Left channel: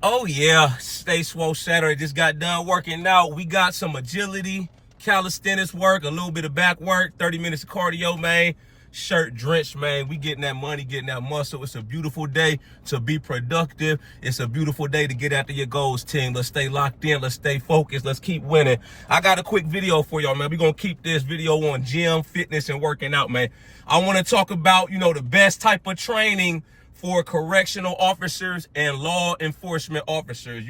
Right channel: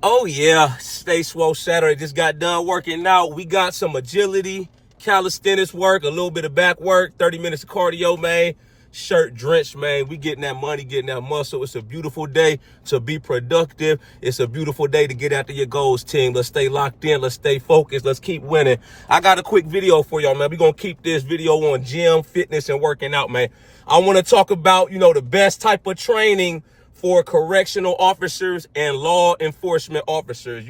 Oh yeah, Stay Swole Saturday. Just got done working out. We got some agility, calisthenics work, a little bit of back work, 30 minutes of cardio, man. Shirt drenched, man. We getting that money, getting that muscle. It's a beautiful day to be productive. It's a beautiful day to get after your goals, team. Let's stay locked in. Let's stay focused. Let's keep winning. I got a quick video for y'all, man. We're going to keep this video on gym, fitness, and working out, man. I want to talk about, the best type of training for correctional officers and law enforcement officers.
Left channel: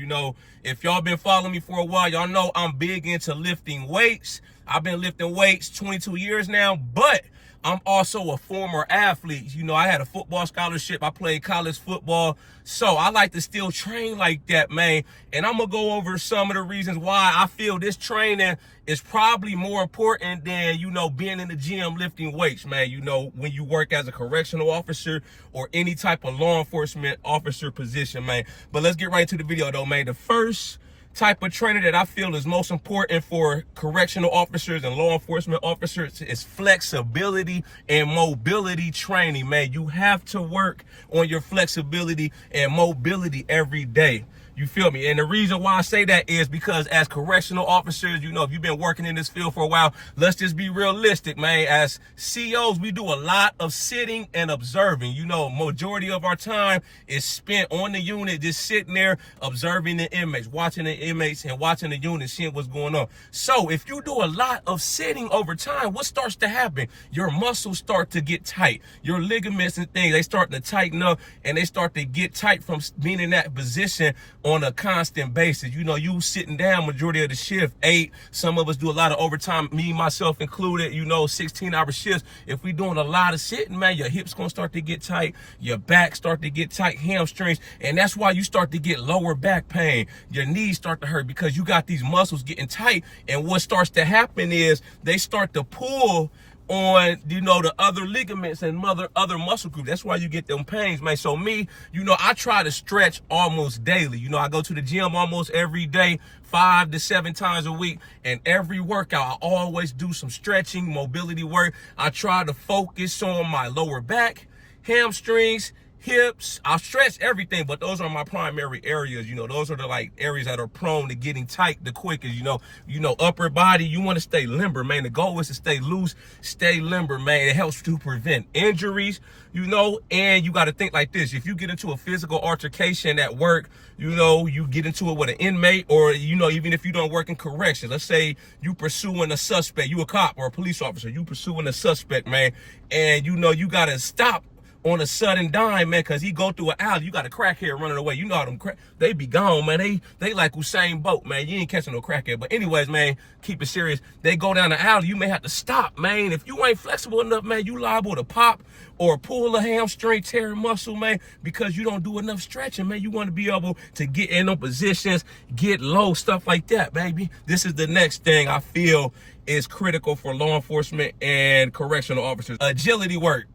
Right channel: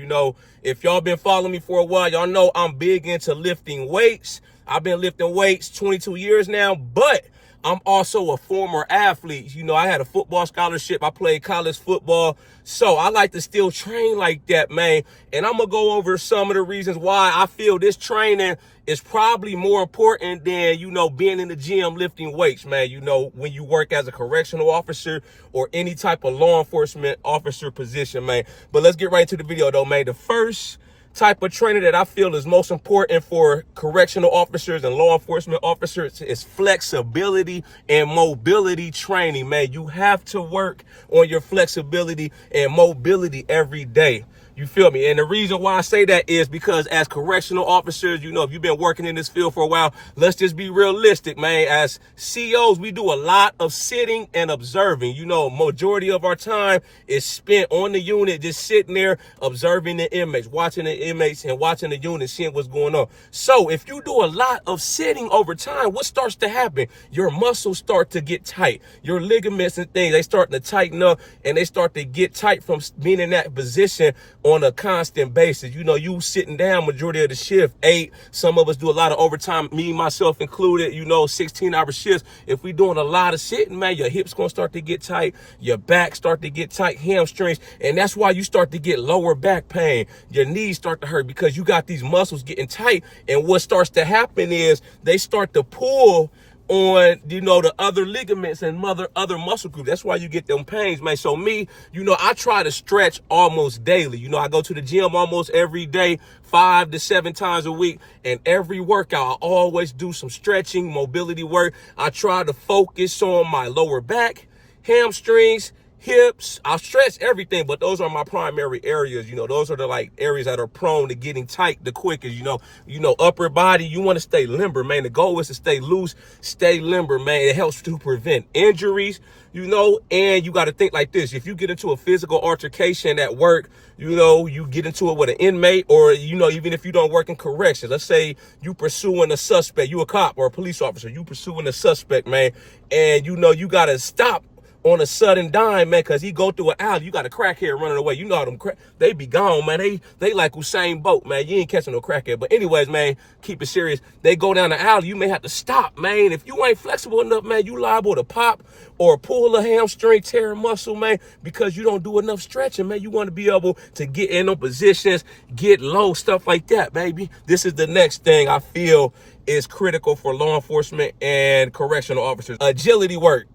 If y'all been following me for a while, y'all know I'm big into lifting weights. I've been lifting weights 22 years now, but I'm also a former athlete. I had a football scholarship. I played college football. So I like to still train like that, man. And I'm going to go over some of the reasons why I feel this training is probably more important than, being in the gym lifting weights, man. When you work as a correctional officer or any type of law enforcement officer position, man. But let's get right to the video, though, man. The first type of training that I feel is most important for correctional officers and law enforcement officers is flexibility and mobility training, man. You have to work on your flexibility and mobility every day. You feel me? And the reason why I say that is because as correctional officers, if you've been working in this field for a while, let's just be realistic, man. As COs, we do a lot of sitting and observing. Majority of our time is spent on the unit, just sitting there, observing the inmates, watching the inmates and watching the unit, seeing what's going on. So if you do a lot of sitting over time, what starts to happen? Your muscles start to get tight. Your ligaments and things, they start to tighten up and they start to get tight from being in that position on a constant basis. You sitting down majority of the shift, 8. Some of us do a lot of overtime, me, myself included, 16-hour shifts. If we doing a lot of sitting, man, your hips gonna start to get tight, your back start to get tight, hamstrings, and that's why you start to get lower back pain. Your knees start to hurt because you got these muscles getting tight, and what starts to happen is they start to pull on, the other ligaments and other muscle groups. That's why you get them pains, man. So me, I try to stretch almost daily. I go to the gym almost every day, 5 to 7 times a week. And every workout, I always do some stretching, mobility work. I try to focus on my lower back, hamstrings, hips. I stretch everything, but those are my primary areas. Those are the areas that are prone to getting tight the quickest. Upper body, you want to stay limber, man. The goal is to stay loose, stay limber, man. It helps to prevent injuries, and you got to think like this. If you get into a physical altercation at work, you get into it with an inmate, or, even if you don't work in correction, let's say you pursuing a suspect, you a cop or a police officer, you pursuing a suspect, man, and you got to stop on a sudden dime, man, because he go through an alley. You got a crackhead running away. How them they be gone, man. They like Usain Bolt, man. You ain't catching no crackhead. But anyways, man, keep it serious. They go down the alley. You may have to stop, man. If you ain't flexible enough, man, you liable to pop or pull a hamstring, tear a muscle, man, because you don't do enough stretching, man. You want to be able to get in those positions, get low, stuff like that, baby. This is the next thing I feel is critical for law enforcement and correctional officers. Agility work.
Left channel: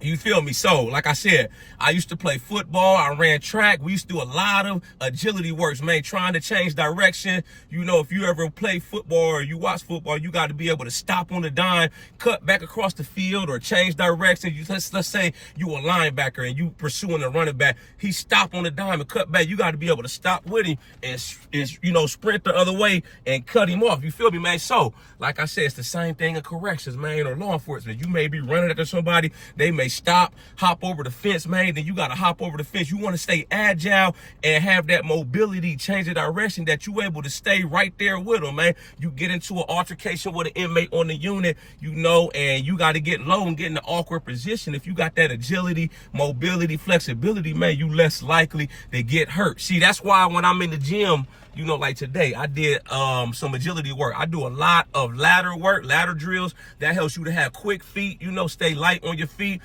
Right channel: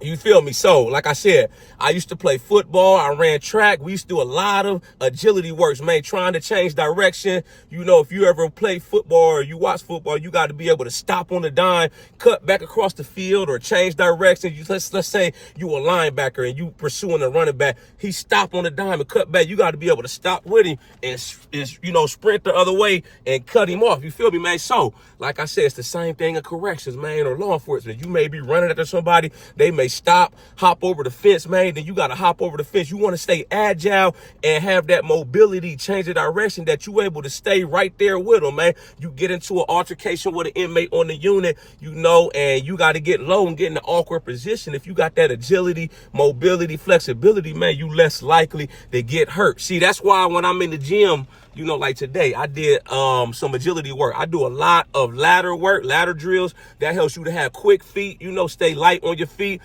You feel me? So, like I said, I used to play football. I ran track. We used to do a lot of agility works, man, trying to change direction. If you ever play football or you watch football, you got to be able to stop on the dime, cut back across the field, or change direction. Let's say you a linebacker and you pursuing a running back. He stop on the dime and cut back. You got to be able to stop with him and sprint the other way and cut him off. You feel me, man? So, like I said, it's the same thing in corrections, man, or law enforcement. You may be running after somebody. They may stop, hop over the fence, man. Then you got to hop over the fence. You want to stay agile and have that mobility, change the direction that you able to stay right there with them, man. You get into an altercation with an inmate on the unit, and you got to get low and get in an awkward position. If you got that agility, mobility, flexibility, man, you less likely to get hurt. See, that's why when I'm in the gym, like today, I did some agility work. I do a lot of ladder work, ladder drills. That helps you to have quick feet, stay light on your feet.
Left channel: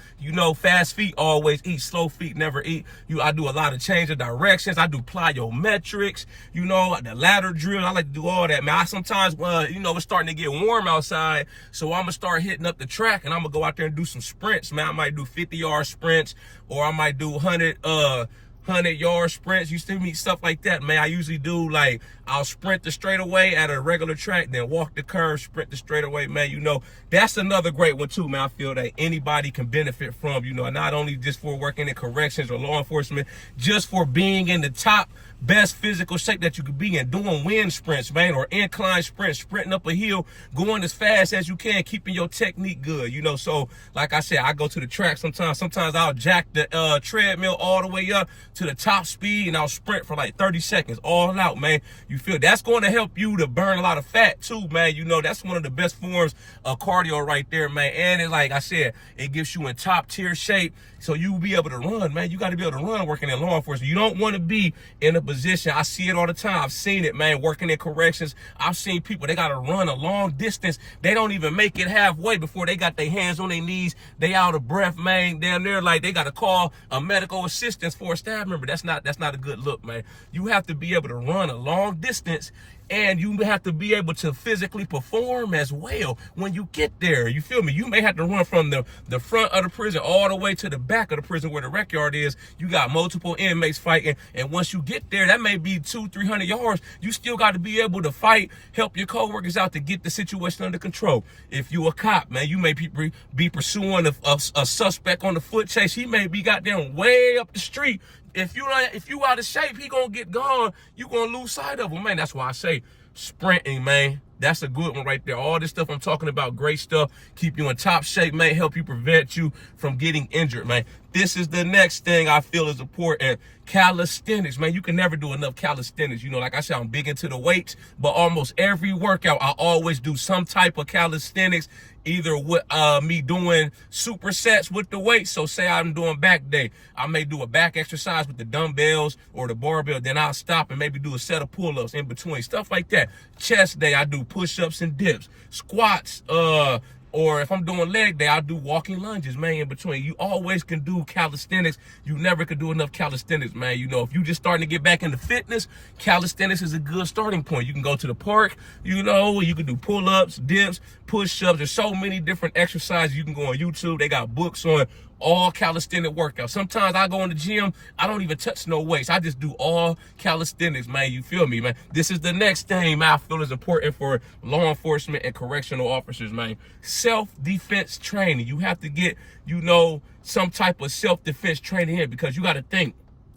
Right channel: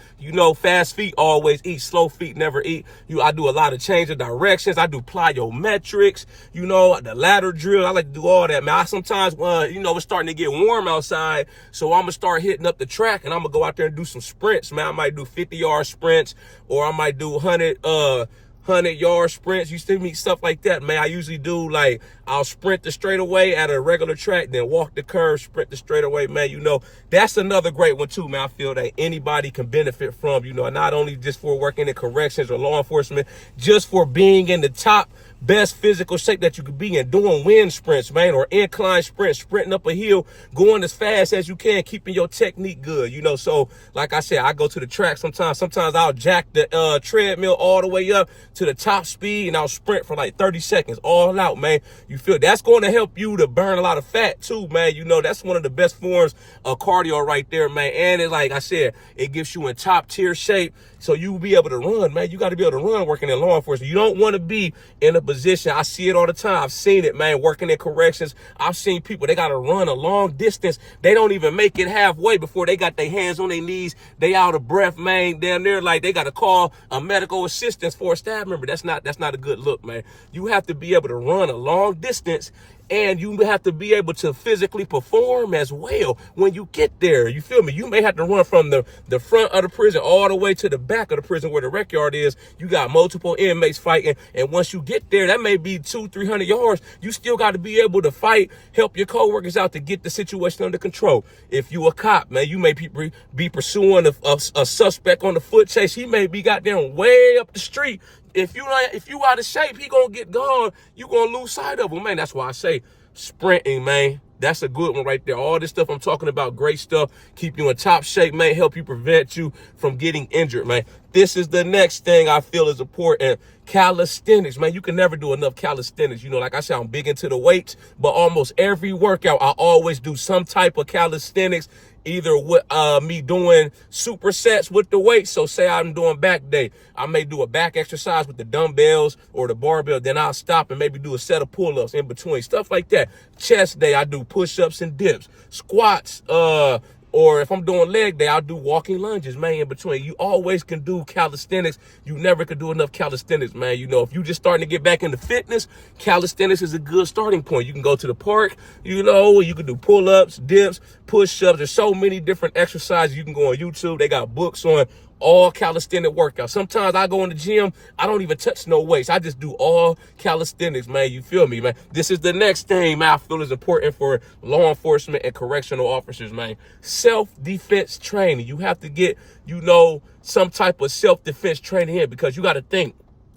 Fast feet always eat, slow feet never eat. I do a lot of change of directions. I do plyometrics, the ladder drill. I like to do all that, man. I sometimes, it's starting to get warm outside, so I'm going to start hitting up the track, and I'm going to go out there and do some sprints, man. I might do 50-yard sprints, or I might do 100-yard sprints. You see me, stuff like that, man. I usually do, I'll sprint the straightaway at a regular track, then walk the curve, sprint the straightaway, man. That's another great one too, man. I feel that anybody can benefit from, not only just for working in corrections or law enforcement, just for being in the top best physical shape that you could be in, doing wind sprints, man, or incline sprints, sprinting up a hill, going as fast as you can, keeping your technique good, you know. So like I said, I go to the track sometimes I'll jack the treadmill all the way up to the top speed, and I'll sprint for like 30 seconds all out, man. You feel that's going to help you to burn a lot of fat too, man. You know, that's one of the best forms of cardio right there, man. And it, like I said, it gives you in top tier shape, so you will be able to run, man. You got to be able to run working in law enforcement. You don't want to be in a position, I see it all the time, I've seen it, man, working in corrections. I've seen people, they got to run a long distance, they don't even make it halfway before they got their hands on their knees, they out of breath, man. Damn near like they got to call a medical assistance for a staff member. That's not a good look, man. You have to be able to run a long distance, and you have to be able to physically perform as well when you get there. You feel me? You may have to run from the front of the prison all the way to the back of the prison where the rec yard is. You got multiple inmates fighting, and once you get there, that may be 200-300 yards. You still got to be able to fight, help your coworkers out to get the situation under control. If you a cop, man, you may be pursuing a suspect on the foot chase. He may be goddamn way up the street. If you out of shape, he gonna get gone. You gonna lose sight of him, man. That's why I say sprinting, man. That's a good one right there. All this stuff I'm talking about, great stuff. Keep you in top shape, man. Help you prevent you from getting injured, man. This is the next thing I feel is important. Calisthenics, man. You can never do enough calisthenics. You know, like I said, I'm big into the weights, but almost every workout, I always do some type of calisthenics. Either with me doing supersets with the weights. So say I'm doing back day, I may do a back exercise with the dumbbells or the barbell. Then I'll stop and maybe do a set of pull-ups in between, stuff like that. Chest day, I do push-ups and dips. Squats, or if I'm doing leg day, I'll do walking lunges, man, in between. You always can do calisthenics. You never can do enough calisthenics, man. You know, if you just starting to get back into fitness, calisthenics is a good starting point. You can go to the park, you know, you can do pull-ups, dips, push-ups. There's so many different exercises. You can go on YouTube. They got books on all calisthenic workouts. Sometimes I go in the gym, I don't even touch no weights. I just do all calisthenics, man. You feel me, man? This is the next thing, man, I feel is important for law enforcement and correctional officers, man. Self-defense training. You have to get, you know, some type of self-defense training here, because you got to think,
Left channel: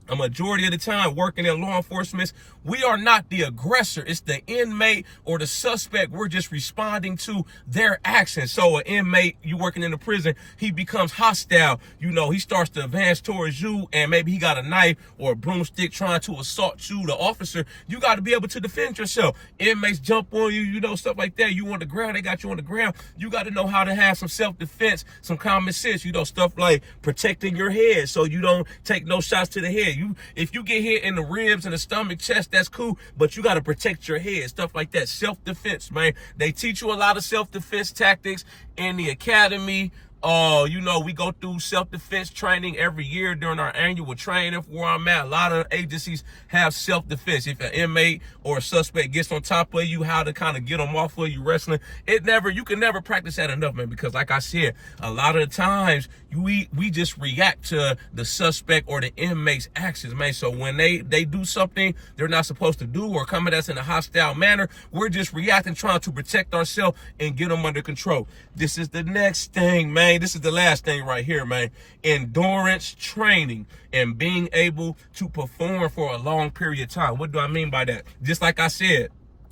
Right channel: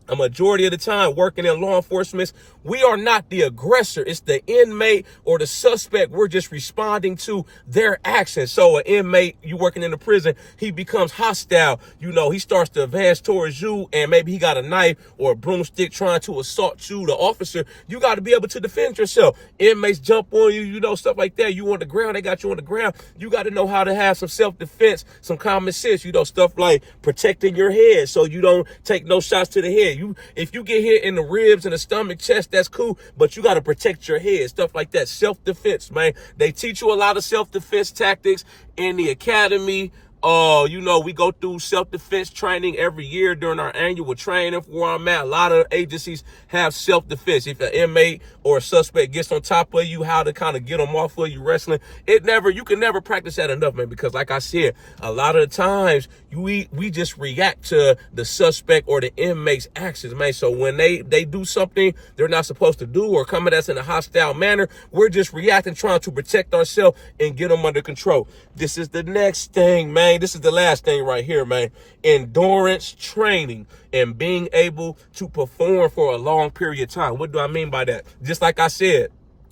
a majority of the time working in law enforcement, we are not the aggressor. It's the inmate or the suspect. We're just responding to their actions. So an inmate, you working in the prison, he becomes hostile. You know, he starts to advance towards you, and maybe he got a knife or a broomstick trying to assault you, the officer. You got to be able to defend yourself. Inmates jump on you, you know, stuff like that. You on the ground, they got you on the ground. You got to know how to have some self-defense, some common sense, you know, stuff like protecting your head so you don't take no shots to the head. If you get hit in the ribs and the stomach, chest, that's cool, but you got to protect your head, stuff like that. Self-defense, man. They teach you a lot of self-defense tactics in the academy. You know, we go through self-defense training every year during our annual training where I'm at. A lot of agencies have self-defense. If an inmate or a suspect gets on top of you, how to kind of get them off of you wrestling. You can never practice that enough, man, because like I said, a lot of the times we just react to the suspect or the inmate's actions, man. So when they do something they're not supposed to do or come at us in a hostile manner, we're just reacting, trying to protect ourselves and get them under control. This is the next thing, man. This is the last thing right here, man. Endurance training and being able to perform for a long period of time. What do I mean by that? Just like I said,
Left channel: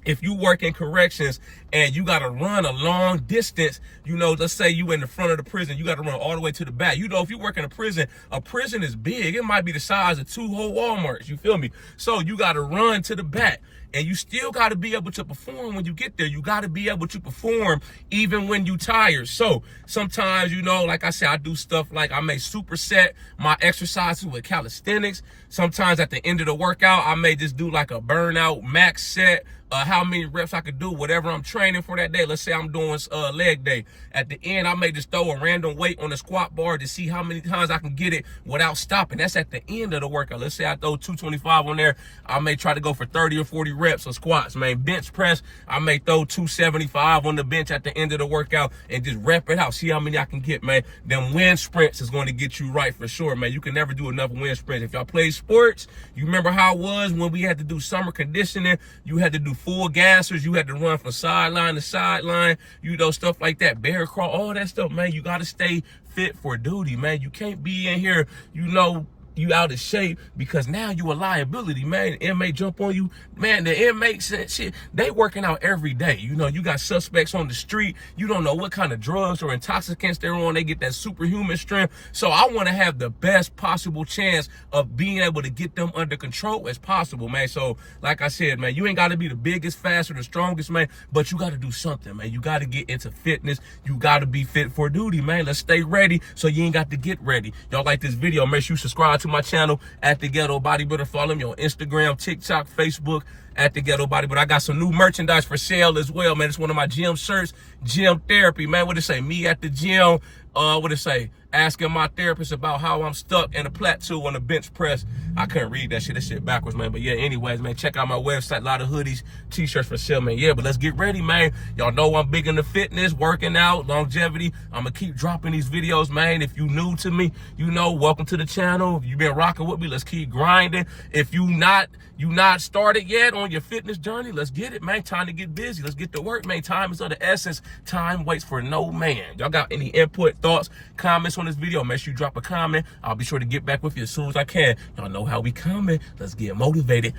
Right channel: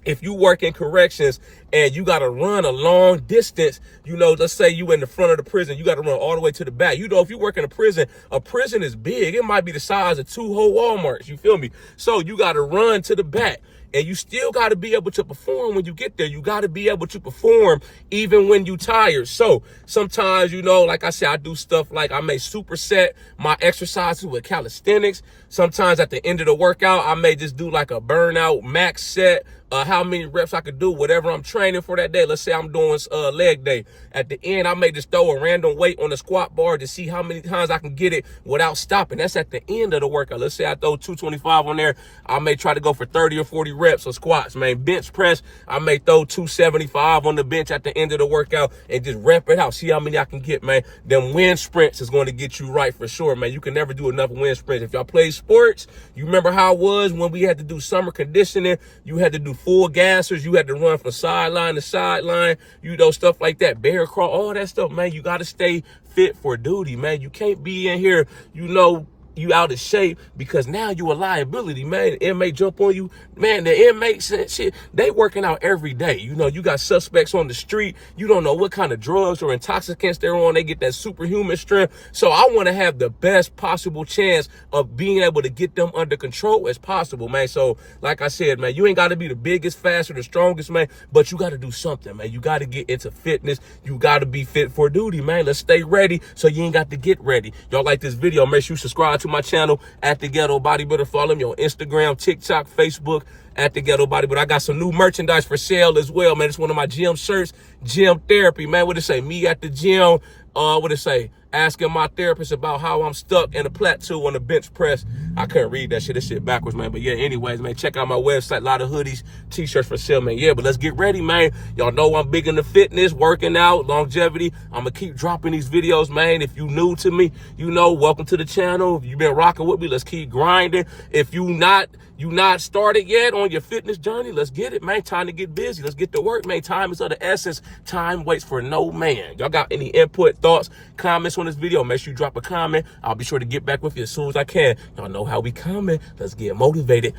if you work in corrections and you got to run a long distance, you know, let's say you in the front of the prison, you got to run all the way to the back. You know, if you work in a prison is big. It might be the size of 2 whole Walmarts. You feel me? So you got to run to the back. And you still got to be able to perform when you get there. You got to be able to perform even when you tired. So sometimes, you know, like I said, I do stuff like I may superset my exercises with calisthenics. Sometimes at the end of the workout, I may just do like a burnout max set, how many reps I could do, whatever I'm training for that day. Let's say I'm doing leg day. At the end, I may just throw a random weight on the squat bar to see how many times I can get it without stopping. That's at the end of the workout. Let's say I throw 225 on there. I may try to go for 30 or 40 reps of squats, man. Bench press, I may throw 275 on the bench at the end of the workout and just rep it out. See how many I can get, man. Them wind sprints is going to get you right for sure, man. You can never do enough wind sprints. If y'all play sports, you remember how it was when we had to do summer conditioning. You had to do full gassers. You had to run from sideline to sideline, you know, stuff like that. Bear crawl, all that stuff, man. You got to stay fit for duty, man. You can't be in here, you know, you out of shape because now you a liability, man. The inmate jump on you, man. The inmates and shit, they working out every day. You know, you got suspects on the street. You don't know what kind of drugs or intoxicants they're on. They get that superhuman strength. So I want to have the best possible chance of being able to get them under control as possible, man. So like I said, man, you ain't got to be the biggest, fastest, or the strongest, man, but you got to do something, man. You got to get into fitness. You got to be fit for duty, man. Let's stay ready so you ain't got to get ready. Y'all like this video, make sure you subscribe to my channel at the Ghetto Bodybuilder. Follow me on Instagram, TikTok, Facebook at the Ghetto Bodybuilder. I got some new merchandise for sale as well, man. It's one of my gym shirts, Gym Therapy, man. What it say? Me at the gym. What it say? Asking my therapist about how I'm stuck in a plateau on a bench press. I couldn't read that shit. This shit backwards, man. But yeah, anyways, man, check out my website. A lot of hoodies, t-shirts for sale, man. Yeah, but let's get ready, man. Y'all know I'm big into fitness, working out, longevity. I'm gonna keep dropping these videos, man. If you new to me, you know, welcome to the channel. If you've been rocking with me, let's keep grinding. If you not started yet on your fitness journey, let's get it, man. Time to get busy. Let's get to work, man. Time is of the essence. Time waits for no man. Y'all got any input, thoughts, comments on this video? Make sure you drop a comment. I'll be sure to get back with you as soon as I can. Y'all know how we coming. Let's get motivated.